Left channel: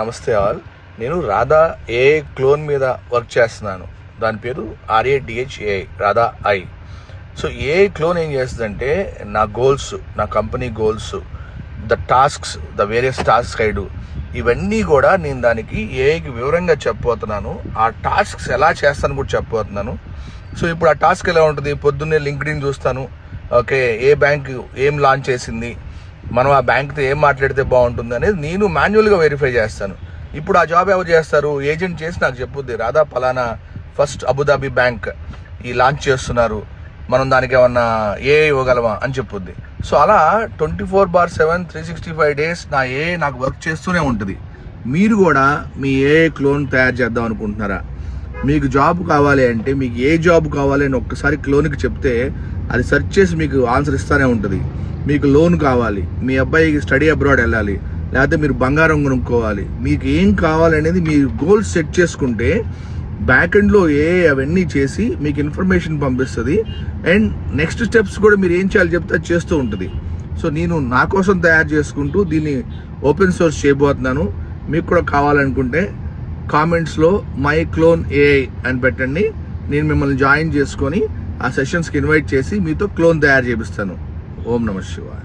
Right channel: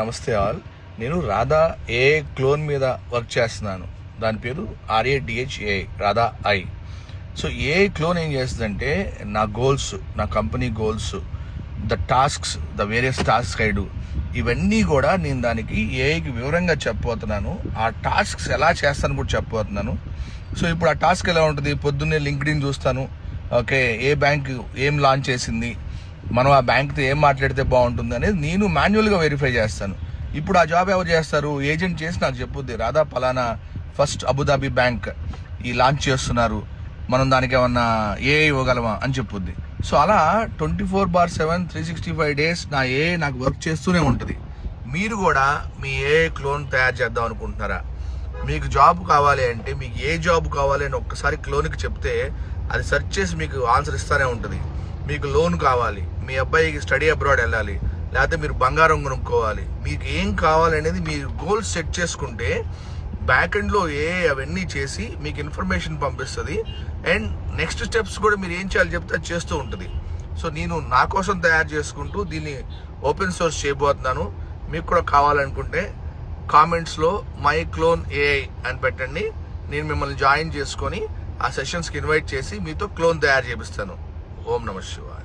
నమస్తే ఆల్. నేను Radha AI clone మీద వర్క్ చేస్తున్నాను. దాని పేరు RADHAI, Radha I. So AI clone ఏం చేస్తుందంటే నా గోల్స్, నా company goals, the tasks, the various task I do, ఇవన్నీ కూడా నేను దానికి ఏఐకి వివరంగా చెప్పబోతున్నాను. ఆ టాస్క్స్ ఎలా చేస్తాను కూడా చెప్పబోతున్నాను. సో ఇప్పుడు ఆ టాస్క్ ఎలా ఉంటుంది? పొద్దున్నే లింక్డ్ఇన్ చూస్తాను. ఓకే, ఏ బ్యాంక్ ఏం లాంచ్ చేసింది, మనం ఆ బ్యాంక్తో ఏం మాట్లాడితే బాగుంటుంది అనేది నేను మాన్యువల్గా వెరిఫై చేస్తాను. ఇప్పుడు ఆ జాబ్ ఎవరు చేస్తారు? ఏజెంట్ చేసి నాకు చెప్పుద్ది, రాధా పలానా ఫస్ట్ అబుదాబి బ్యాంక్ ఈ లాంచ్ చేస్తున్నారు, మనం దానికి ఏమన్నా ఏఐ ఇవ్వగలమా అని చెప్పుద్ది. సో అలా 24/7 365 days నా ఏఐ నాకు వర్క్ చేస్తూనే ఉంటుంది. మీరు కూడా మీ ఏఐ క్లోన్ తయారు చేద్దాం అనుకుంటున్నారా? మీకు జాబ్ కావాలి అంటే, మీకు ఏ జాబ్ కావాలి అని ఒక్కసారి క్లోన్కి చెప్తే అది సెర్చ్ చేసి మీకు ఆన్సర్ ఇస్తూనే ఉంటుంది. మీకు లోన్ కావాలి, మీ అబ్బాయికి స్టడీ అబ్రాడ్ వెళ్ళాలి, లేకపోతే మీరు బంగారం కొనుక్కోవాలి, మీకు ఏం కావాలనేది మీరు గోల్స్ సెట్ చేసుకుంటే బ్యాక్ ఎండ్లో అవన్నీ చేసి మీకు ఇన్ఫర్మేషన్ పంపిస్తుంది. అండ్ నెక్స్ట్ స్టెప్స్ కూడా మీరు ఏం చేయాలి చెప్తే అది చేస్తూ ఉంటుంది. సో నేను నా కోసం తయారు చేసుకుంటూ దీన్ని ఓపెన్ సోర్స్ చేయబోతున్నాను. మీకు కూడా కావాలనుకుంటే కామెంట్స్లో మై క్లోన్ ఏఐ అని పెట్టండి. నేను మిమ్మల్ని జాయిన్ చేసుకొని ఆ సెషన్స్కి ఇన్వైట్ చేసి మీతో క్లోన్ తయారు చేపిస్తాను. ఓం నమః శివాయ.